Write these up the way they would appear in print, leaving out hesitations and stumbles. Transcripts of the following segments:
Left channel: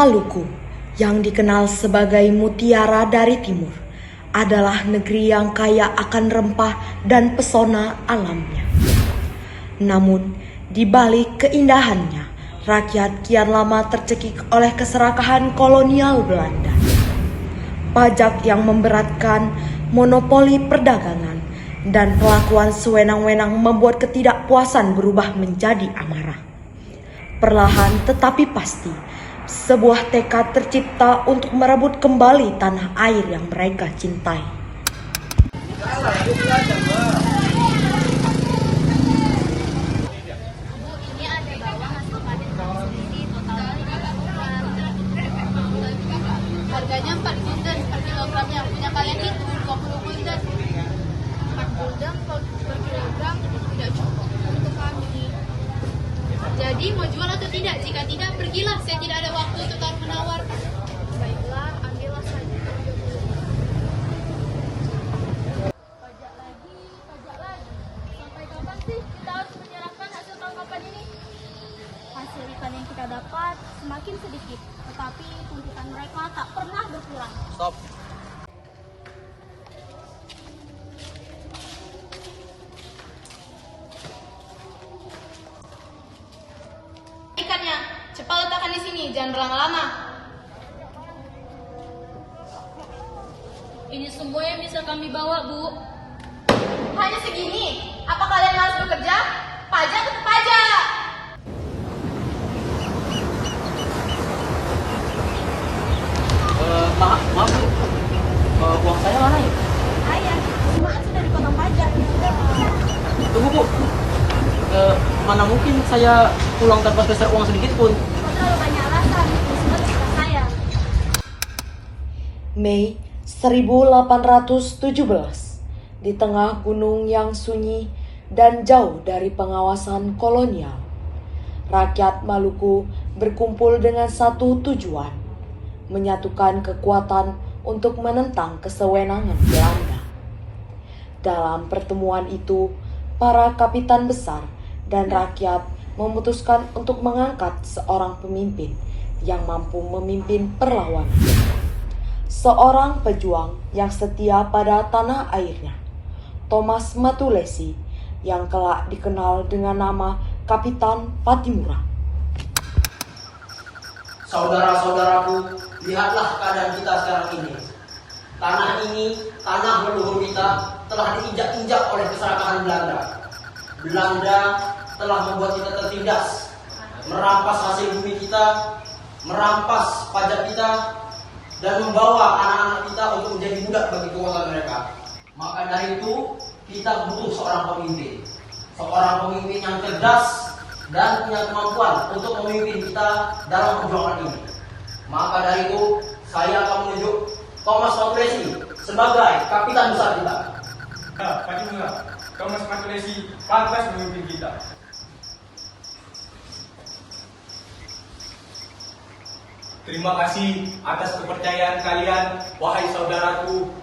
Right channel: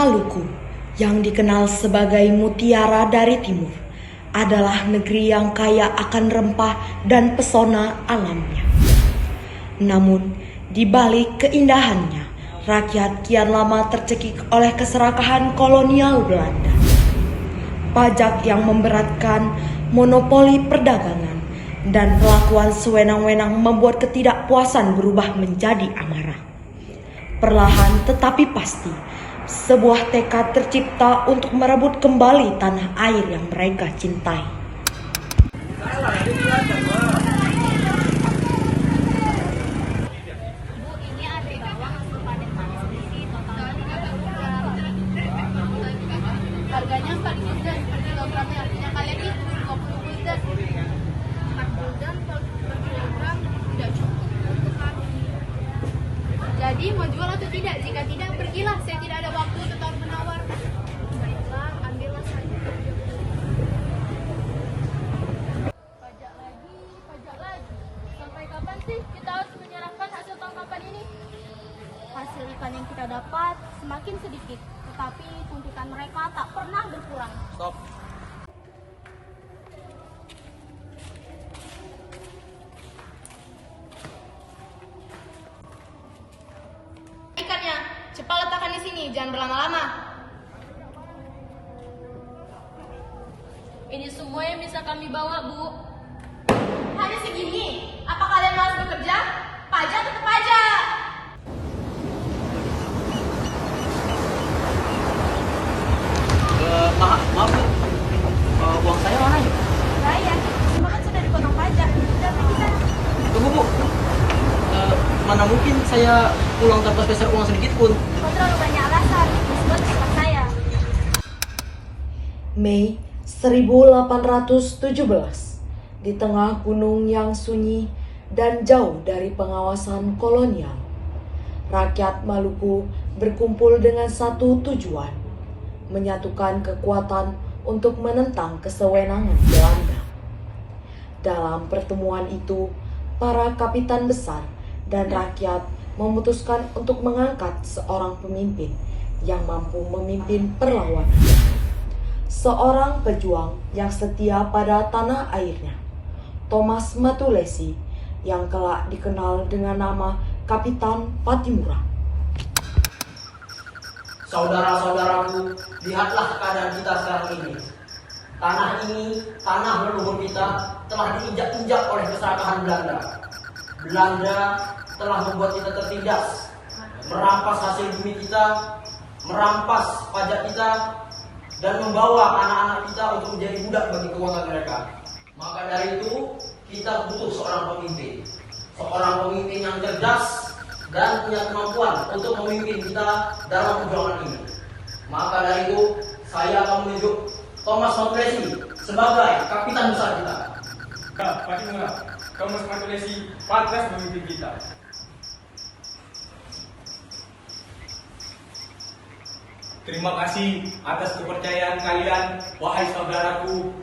Maluku, yang dikenal sebagai Mutiara dari Timur, adalah negeri yang kaya akan rempah dan pesona alamnya. Namun, di balik keindahannya, rakyat kian lama tercekik oleh keserakahan kolonial Belanda. Pajak yang memberatkan, monopoli perdagangan, dan kelakuan sewenang-wenang membuat ketidakpuasan berubah menjadi amarah. Perlahan tetapi pasti, sebuah tekad tercipta untuk merebut kembali tanah air yang mereka cintai. Ini ada bawang hasil panen kami sendiri, harganya 4 gulden per kilogramnya. Punya kalian itu 20 gulden. 4 gulden per kilogram tidak cukup untuk kami. Jadi mau jual atau tidak? Jika tidak, pergilah. Saya tidak ada waktu untuk menawar. Baiklah, ambillah saja. Pajak lagi. Sampai kapan sih kita harus menyerahkan hasil tangkapan ini? Hasil ikan yang kita dapat semakin sedikit, tetapi puntitan mereka tak pernah berkurang. Stop. Ikannya, cepat letakkan di sini, jangan berlama-lama. Ini semua yang bisa kami bawa, Bu. Hanya segini? Apa kalian malas bekerja? Pajak tetap pajak. Maaf Bu, uang saya mana ya? Saya, cuma kan sudah dipotong pajak. Tunggu Bu, mana mungkin saya pulang tanpa peser uang sedikit pun. Kau terlalu banyak alasan, disebut ikan saya. Mei 1817, di tengah gunung yang sunyi dan jauh dari pengawasan kolonial, rakyat Maluku berkumpul dengan satu tujuan: menyatukan kekuatan untuk menentang kesewenangan Belanda. Dalam pertemuan itu, para kapitan besar dan rakyat memutuskan untuk mengangkat seorang pemimpin yang mampu memimpin perlawanan. Seorang pejuang yang setia pada tanah airnya, Thomas Matulesi, yang kelak dikenal dengan nama Kapitan Patimura. Saudara-saudaraku, lihatlah keadaan kita sekarang ini. Tanah ini, tanah leluhur kita, telah diinjak-injak oleh keserakahan Belanda. Belanda telah membuat kita tertindas, merampas hasil bumi kita, merampas pajak kita, dan membawa anak-anak kita untuk menjadi budak bagi kekuatan mereka. Maka dari itu, kita butuh seorang pemimpin. Seorang pemimpin yang cerdas dan punya kemampuan untuk memimpin kita dalam perjuangan ini. Maka dari itu, saya akan menunjuk Thomas Matulesi sebagai kapitan besar kita. Ya, Patimura, Thomas Matulesi pantas memimpin kita. Terima kasih atas kepercayaan kalian, wahai saudaraku.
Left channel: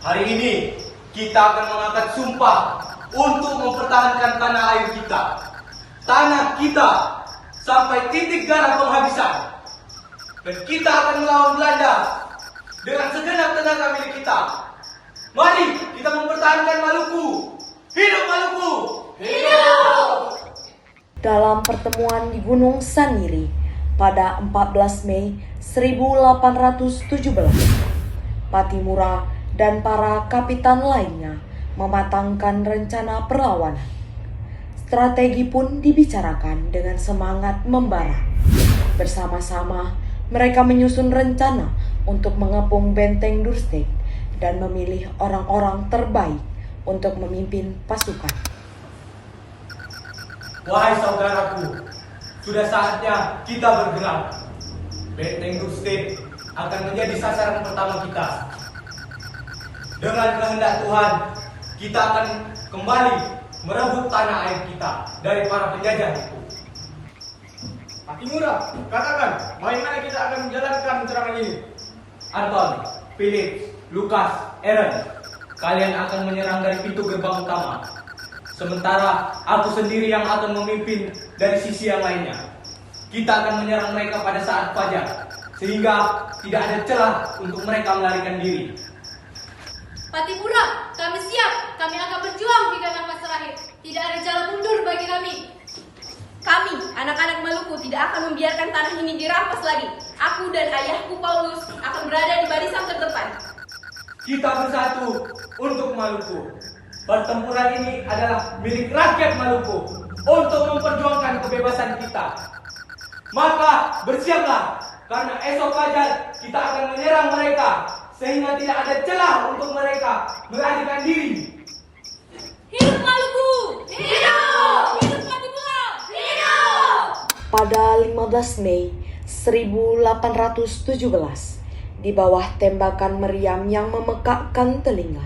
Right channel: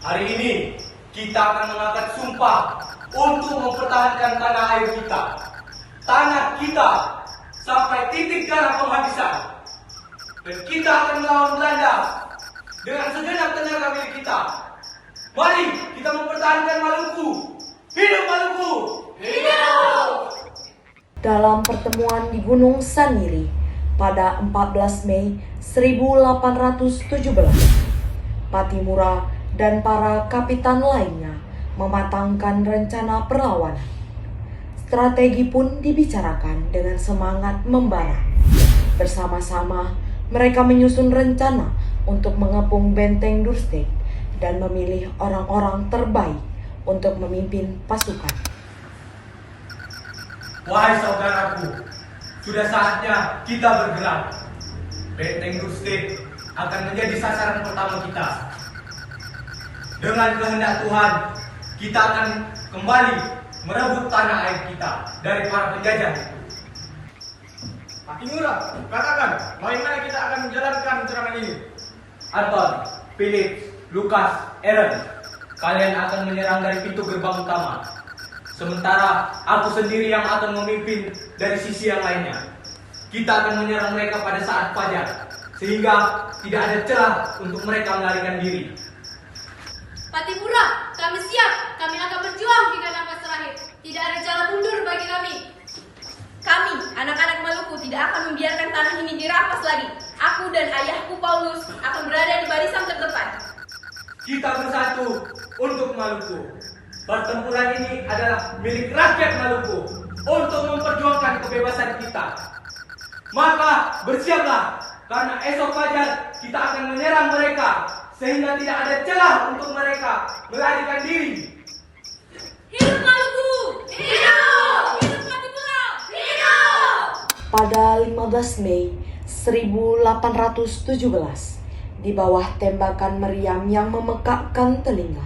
Hari ini kita akan mengangkat sumpah untuk mempertahankan tanah air kita, tanah kita, sampai titik darah penghabisan. Dan kita akan melawan Belanda dengan segenap tenaga milik kita. Mari kita mempertahankan Maluku. Hidup Maluku! Hidup! Dalam pertemuan di Gunung Saniri pada 14 Mei 1817, Patimura dan para kapitan lainnya mematangkan rencana perlawanan. Strategi pun dibicarakan dengan semangat membara. Bersama-sama, mereka menyusun rencana untuk mengepung benteng Durstek dan memilih orang-orang terbaik untuk memimpin pasukan. Wahai saudaraku, sudah saatnya kita bergerak. Benteng Durstek akan menjadi sasaran pertama kita. Dengan kehendak Tuhan, kita akan kembali merebut tanah air kita dari para penjajah itu. Patimura, katakan, bagaimana kita akan menjalankan serangan ini? Anton, Philip, Lukas, Aaron, kalian akan menyerang dari pintu gerbang utama. Sementara aku sendiri yang akan memimpin dari sisi yang lainnya. Kita akan menyerang mereka pada saat fajar. sehingga tidak ada celah untuk mereka melarikan diri. Pattimura, kami siap. Kami akan berjuang hingga nafas terakhir. Tidak ada jalan mundur bagi kami. Kami, anak-anak Maluku, tidak akan membiarkan tanah ini dirampas lagi. Aku dan ayahku Paulus akan berada di barisan terdepan. Kita bersatu untuk Maluku. Pertempuran ini adalah milik rakyat Maluku untuk memperjuangkan kebebasan kita. Maka bersiaplah, karena esok fajar kita akan menyerang mereka, sehingga tidak ada celah untuk mereka melarikan diri. Hidup Maluku! Hidup! Hidup Pattimura! Hidup! Pada 15 Mei 1817, di bawah tembakan meriam yang memekakkan telinga,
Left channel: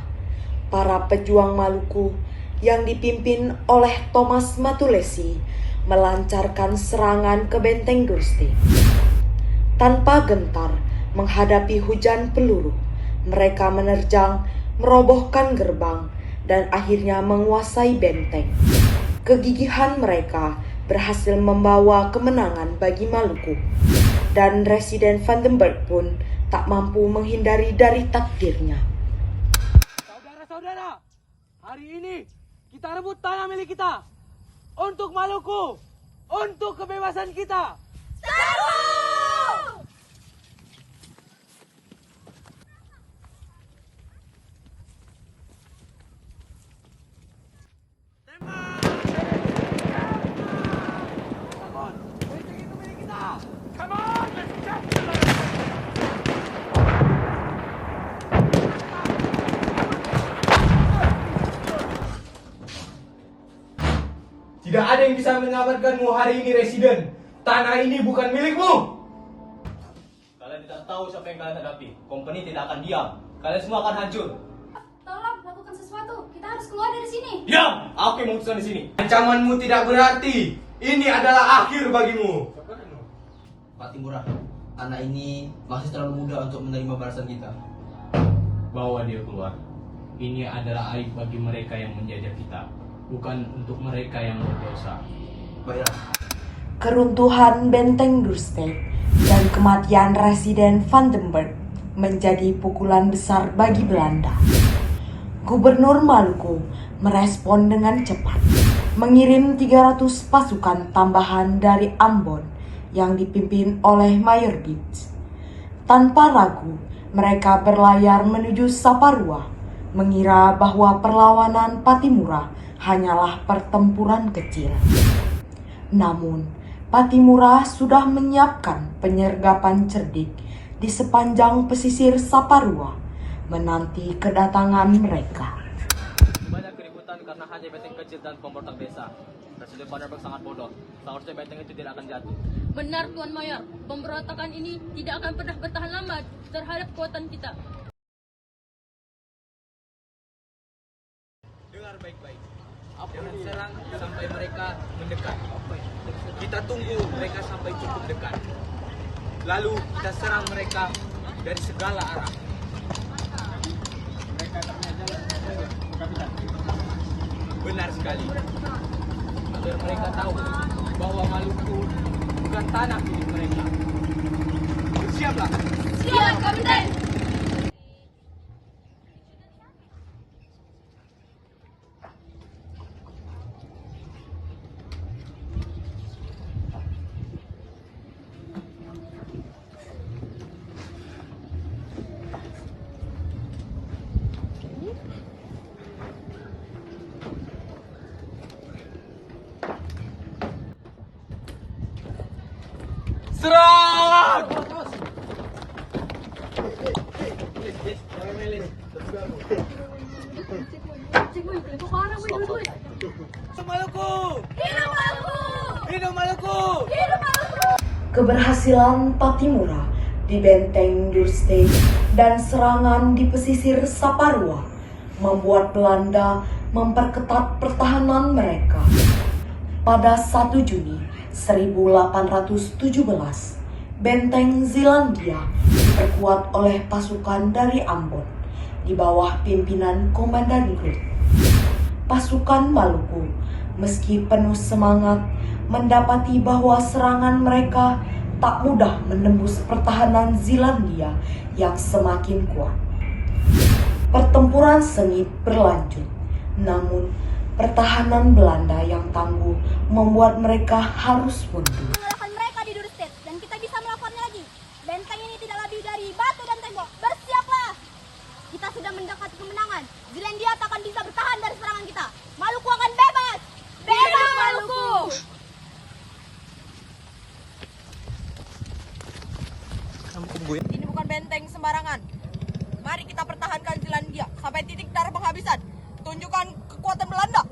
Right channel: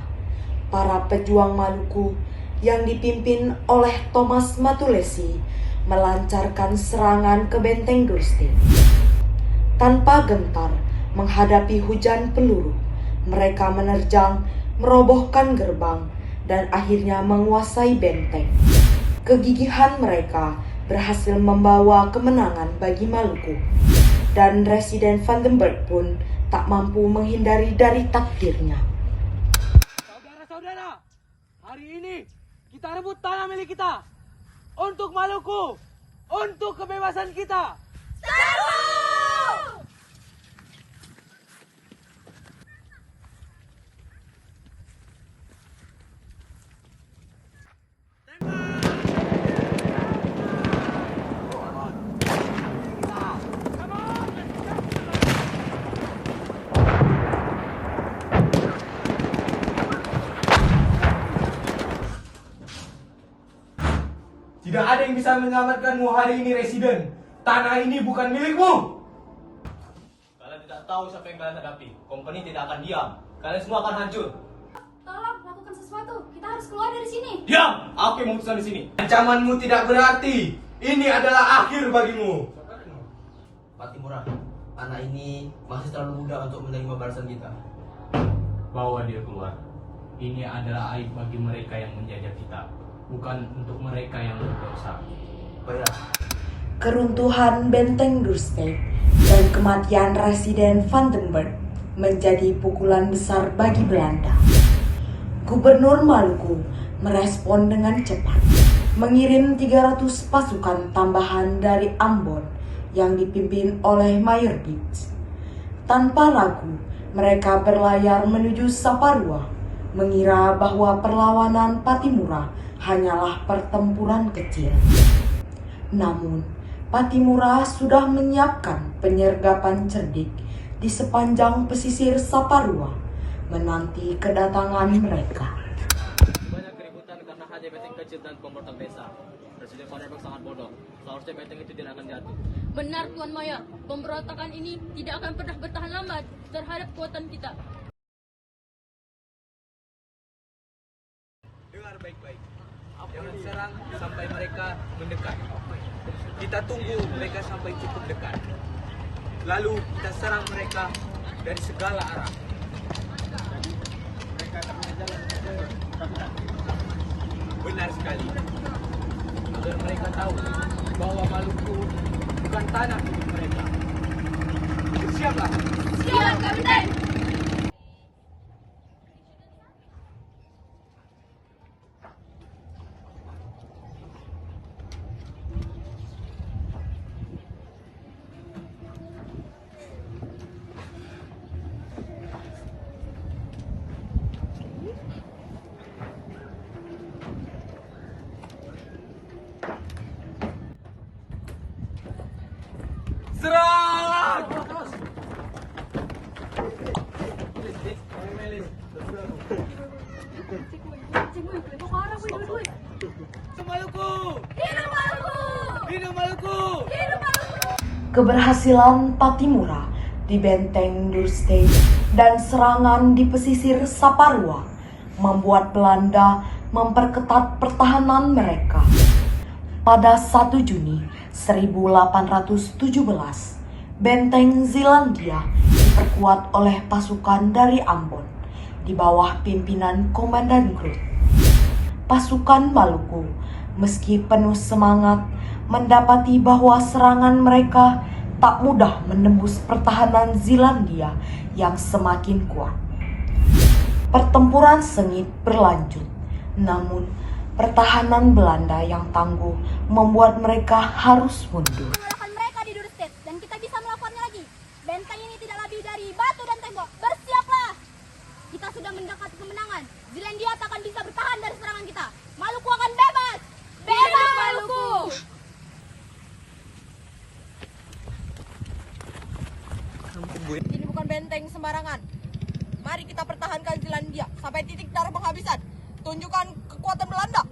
para pejuang Maluku yang dipimpin oleh Thomas Matulesi melancarkan serangan ke benteng Gurstede. Tanpa gentar menghadapi hujan peluru, mereka menerjang, merobohkan gerbang, dan akhirnya menguasai benteng. Kegigihan mereka berhasil membawa kemenangan bagi Maluku, dan Residen Vandenberg pun tak mampu menghindari dari takdirnya. Saudara-saudara, hari ini kita rebut tanah milik kita untuk Maluku, untuk kebebasan kita. Tidak ada yang bisa menyelamatkanmu hari ini, Residen. Tanah ini bukan milikmu. Kalian tidak tahu siapa yang kalian hadapi. Company tidak akan diam. Kalian semua akan hancur. Tolong lakukan sesuatu. Kita harus keluar dari sini. Diam! Aku yang memutuskan di sini. Ancamanmu tidak berarti. Ini adalah akhir bagimu. Pattimura, anak ini masih terlalu muda untuk menerima balasan kita. Bawa dia keluar. Ini adalah aib bagi mereka yang menjajah kita, bukan untuk mereka yang berdosa. Baiklah. Keruntuhan benteng Gurstede dan kematian Residen Vandenberg menjadi pukulan besar bagi Belanda. Gubernur Maluku merespon dengan cepat, mengirim 300 pasukan tambahan dari Ambon yang dipimpin oleh Mayor Beach. Tanpa ragu, mereka berlayar menuju Saparua, mengira bahwa perlawanan Pattimura hanyalah pertempuran kecil. Namun, Pattimura sudah menyiapkan penyergapan cerdik di sepanjang pesisir Saparua, menanti kedatangan mereka. Banyak keributan karena hanya benteng kecil dan pemberontak desa. Presiden Vandenberg sangat bodoh. Seharusnya benteng itu tidak akan jatuh. Benar Tuan Mayor, pemberontakan ini tidak akan pernah bertahan lama terhadap kekuatan kita. Dengar baik-baik. Jangan serang sampai mereka mendekat. Kita tunggu mereka sampai cukup dekat. Lalu kita serang mereka dari segala arah. Jadi mereka tak punya jalan untuk mundur, Kapitan. Benar sekali. Agar mereka tahu bahwa Maluku bukan tanah milik mereka. Bersiaplah. Siap, Kapitan. Serang! Maluku! Hidup Maluku! Hidup Maluku! Hidup Maluku! Keberhasilan Pattimura di benteng Gurstede dan serangan di pesisir Saparua membuat Belanda memperketat pertahanan mereka. Pada 1 Juni 1817, benteng Zeelandia diperkuat oleh pasukan dari Ambon di bawah pimpinan Komandan Groot. Pasukan Maluku, meski penuh semangat, mendapati bahwa serangan mereka tak mudah menembus pertahanan Zeelandia yang semakin kuat. Pertempuran sengit berlanjut, namun pertahanan Belanda yang tangguh membuat mereka harus mundur. Mengalahkan mereka di Duurstede dan kita bisa melakukannya lagi. Benteng ini tidak lebih dari batu dan tembok. Bersiaplah! Kita sudah mendekati kemenangan. Zeelandia tak akan bisa bertahan dari serangan kita. Maluku akan bebas! Bebas Maluku! Ini bukan benteng sembarangan. Mari kita pertahankan Zeelandia sampai titik darah penghabisan. Tunjukkan kekuatan Belanda.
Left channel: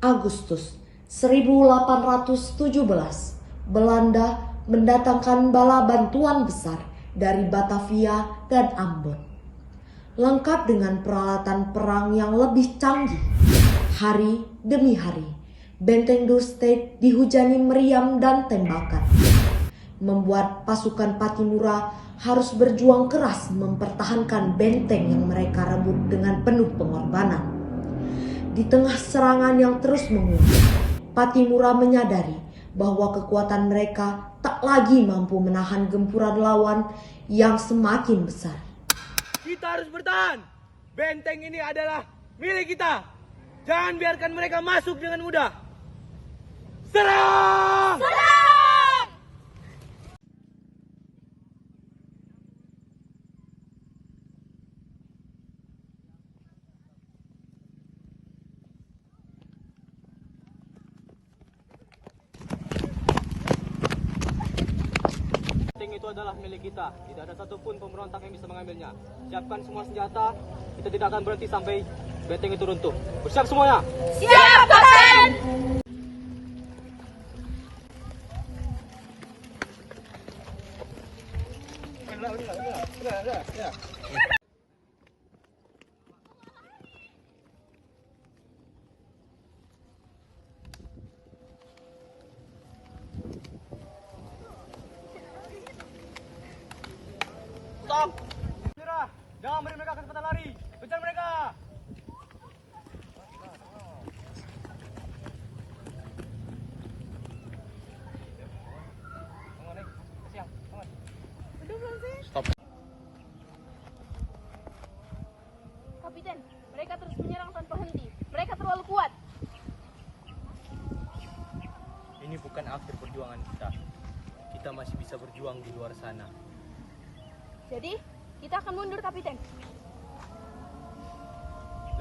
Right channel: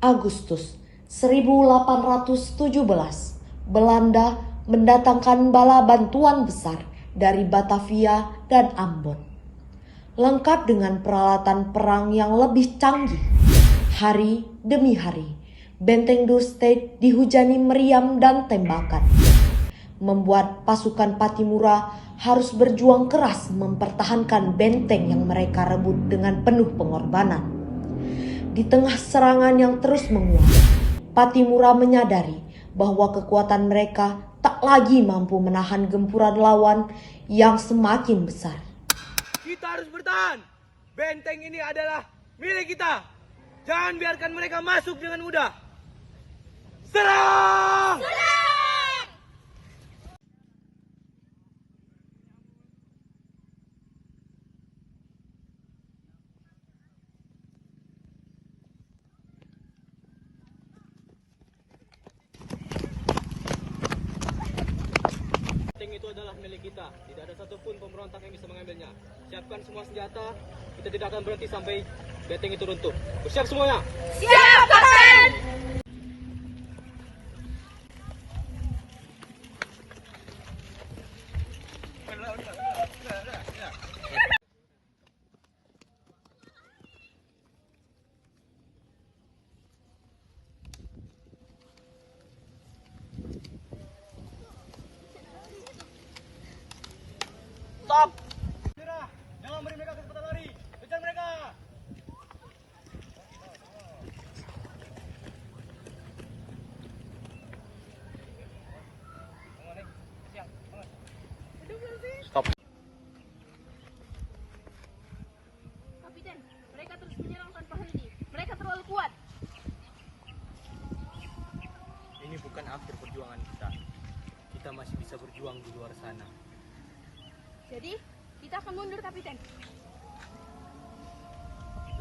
Agustus 1817, Belanda mendatangkan bala bantuan besar dari Batavia dan Ambon. Lengkap dengan peralatan perang yang lebih canggih. Hari demi hari, benteng Duurstede dihujani meriam dan tembakan, membuat pasukan Pattimura harus berjuang keras mempertahankan benteng yang mereka rebut dengan penuh pengorbanan. Di tengah serangan yang terus menguat, Pattimura menyadari bahwa kekuatan mereka tak lagi mampu menahan gempuran lawan yang semakin besar. Kita harus bertahan. Benteng ini adalah milik kita. Jangan biarkan mereka masuk dengan mudah. Serang! Benteng itu adalah milik kita. Tidak ada satupun pemberontak yang bisa mengambilnya. Siapkan semua senjata. Kita tidak akan berhenti sampai benteng itu runtuh. Bersiap semuanya. Siap, Kapten! Stop! Jangan beri mereka kesempatan lari. Kejar mereka. Kapten, mereka terus menyerang tanpa henti. Mereka terlalu kuat. Ini bukan akhir perjuangan kita. Kita masih bisa berjuang di luar sana. Jadi, kita akan mundur, Kapten.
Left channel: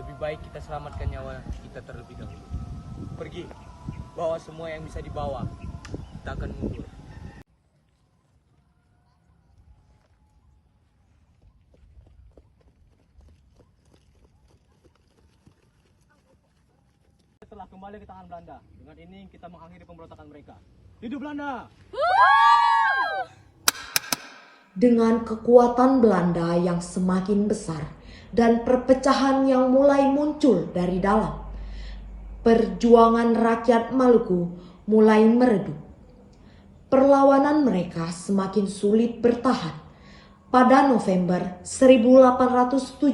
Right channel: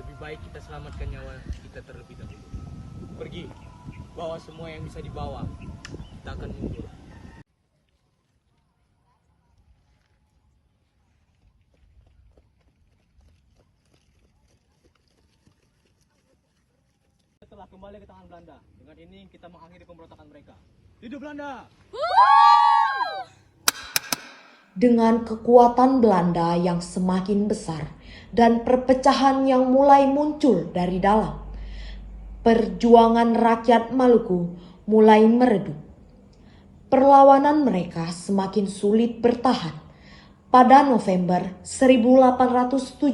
Lebih baik kita selamatkan nyawa kita terlebih dahulu. Pergi, bawa semua yang bisa dibawa. Kita akan mundur. Setelah kembali ke tangan Belanda, dengan ini kita mengakhiri pemberontakan mereka. Hidup Belanda! Dengan kekuatan Belanda yang semakin besar dan perpecahan yang mulai muncul dari dalam, perjuangan rakyat Maluku mulai meredup. Perlawanan mereka semakin sulit bertahan. Pada November 1817,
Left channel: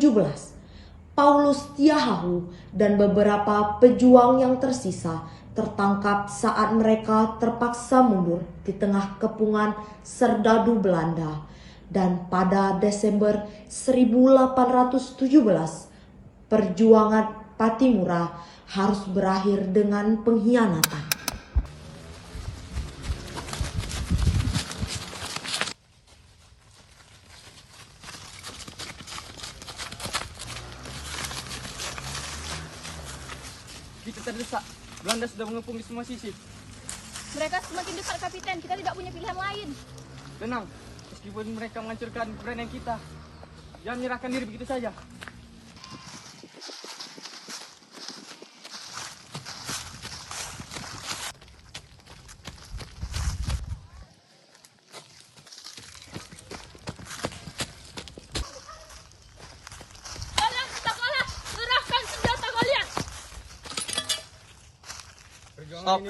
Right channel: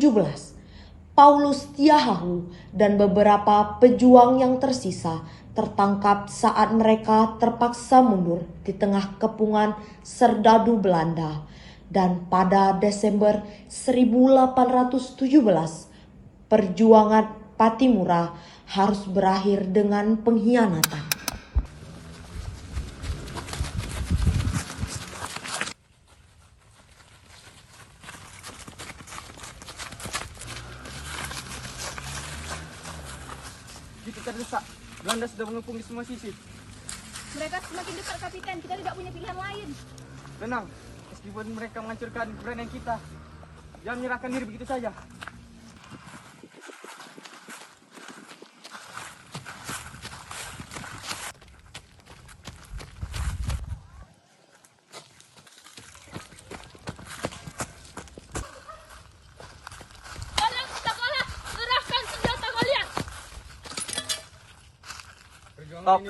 Paulus Tiahahu dan beberapa pejuang yang tersisa tertangkap saat mereka terpaksa mundur di tengah kepungan serdadu Belanda. Dan pada Desember 1817, perjuangan Pattimura harus berakhir dengan pengkhianatan. Kita terdesak. Belanda sudah mengepung di semua sisi. Mereka semakin dekat, Kapten. Kita tidak punya pilihan lain. Tenang, meskipun mereka menghancurkan keberanian kita, jangan menyerahkan diri begitu saja. Kalian sudah kalah. Serahkan senjata kalian. Perjuangan ini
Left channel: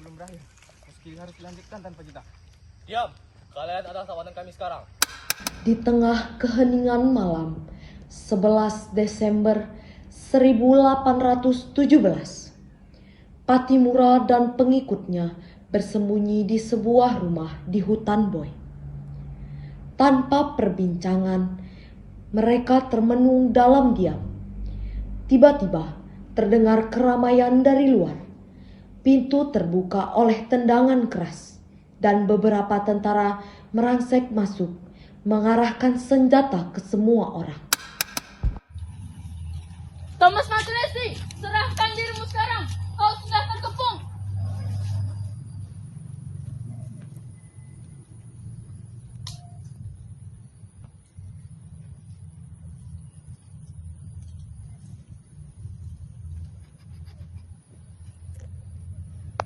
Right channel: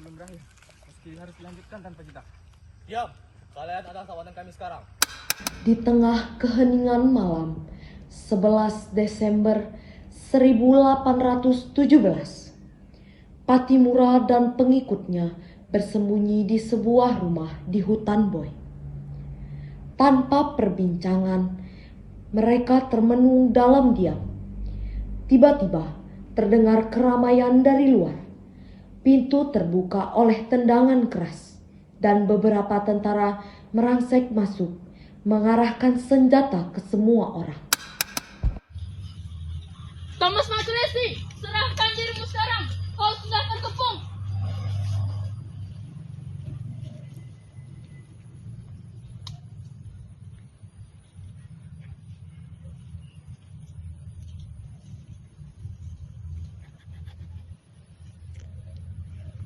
belum berakhir. Meski harus dilanjutkan tanpa kita. Diam, kalian adalah tawanan kami sekarang. Di tengah keheningan malam, 11 Desember 1817. Pattimura dan pengikutnya bersembunyi di sebuah rumah di hutan Boy. Tanpa perbincangan, mereka termenung dalam diam. Tiba-tiba terdengar keramaian dari luar. Pintu terbuka oleh tendangan keras dan beberapa tentara merangsek masuk, mengarahkan senjata ke semua orang. Thomas Maculesi, serahkan dirimu sekarang. Kau sudah terkepung.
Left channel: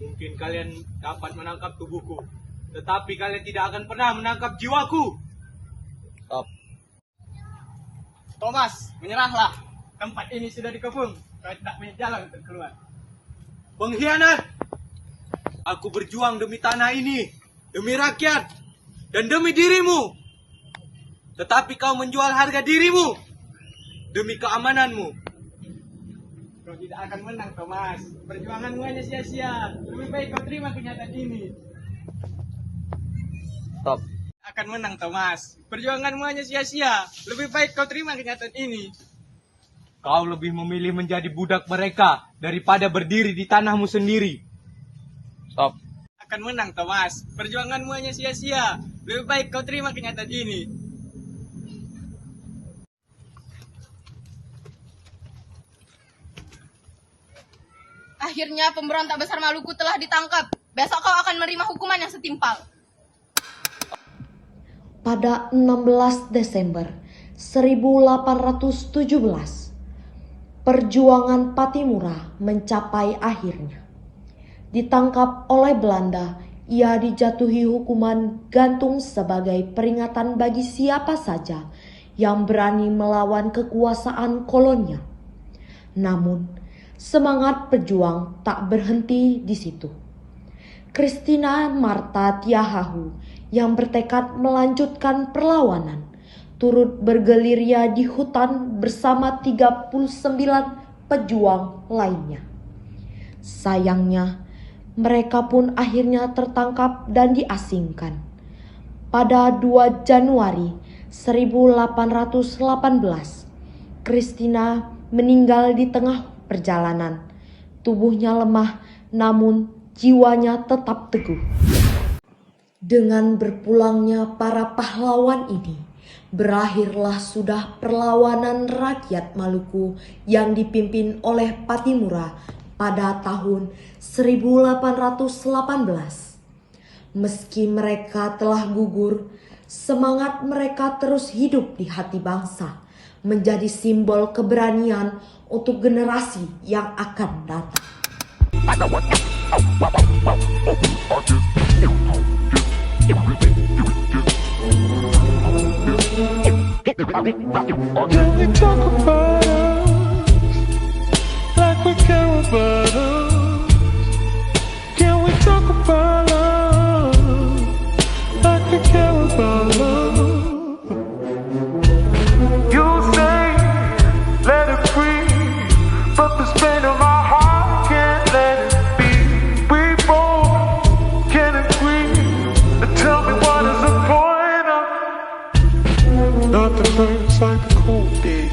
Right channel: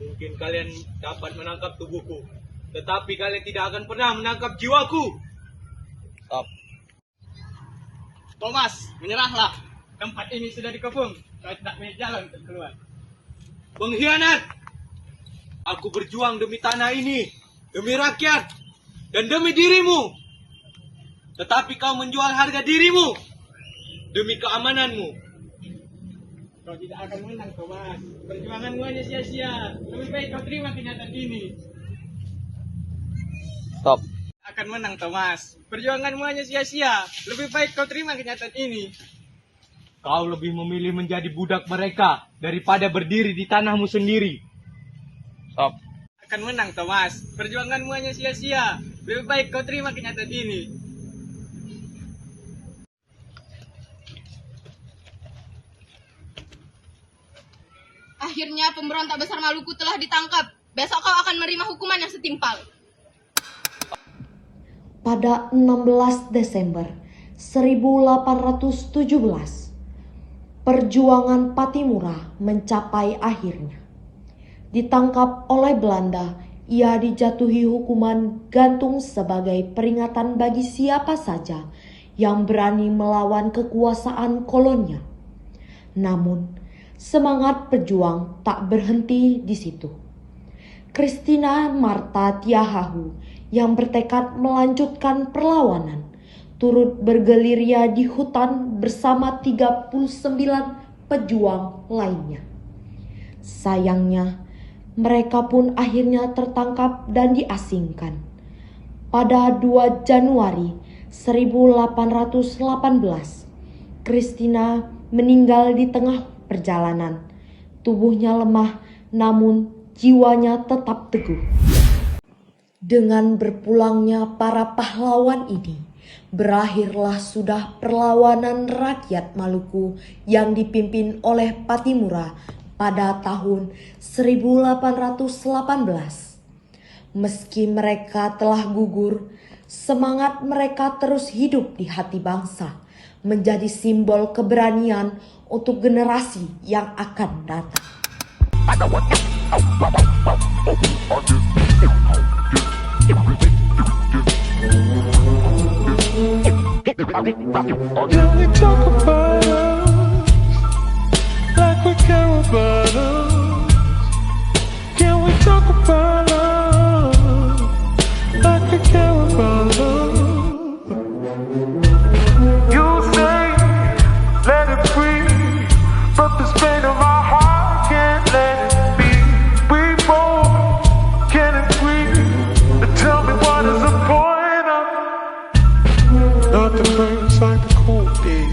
Mungkin kalian dapat menangkap tubuhku, tetapi kalian tidak akan pernah menangkap jiwaku. Stop. Thomas, menyerahlah. Tempat ini sudah dikepung. Kau tidak punya jalan untuk keluar. Pengkhianat! Aku berjuang demi tanah ini, demi rakyat, dan demi dirimu. Tetapi kau menjual harga dirimu demi keamananmu. Kau tidak akan menang, Thomas. Perjuanganmu hanya sia-sia. Lebih baik kau terima kenyataan ini. Stop. Akan menang, Thomas. Perjuanganmu hanya sia-sia. Lebih baik kau terima kenyataan ini. Kau lebih memilih menjadi budak mereka daripada berdiri di tanahmu sendiri. Stop. Akan menang, Thomas. Perjuanganmu hanya sia-sia. Lebih baik kau terima kenyataan ini. Akhirnya pemberontak besar Maluku telah ditangkap. Besok kau akan menerima hukuman yang setimpal. Pada 16 Desember 1817, perjuangan Pattimura mencapai akhirnya. Ditangkap oleh Belanda, ia dijatuhi hukuman gantung sebagai peringatan bagi siapa saja yang berani melawan kekuasaan kolonial. Namun, semangat pejuang tak berhenti di situ. Christina Martha Tiahahu yang bertekad melanjutkan perlawanan turut bergerilya di hutan bersama 39 pejuang lainnya. Sayangnya, mereka pun akhirnya tertangkap dan diasingkan. Pada 2 Januari 1818, Christina meninggal di tengah perjalanan. Tubuhnya lemah, namun jiwanya tetap teguh. Dengan berpulangnya para pahlawan ini, berakhirlah sudah perlawanan rakyat Maluku yang dipimpin oleh Pattimura pada tahun 1818. Meski mereka telah gugur, semangat mereka terus hidup di hati bangsa, menjadi simbol keberanian untuk generasi yang akan datang. Can we talk about us like we care about us? Can we talk about us like we care about us? You say let it breathe, but this pain in my heart can't let it be. We both can agree. Tell me what is the point of nothing burns like the cold days.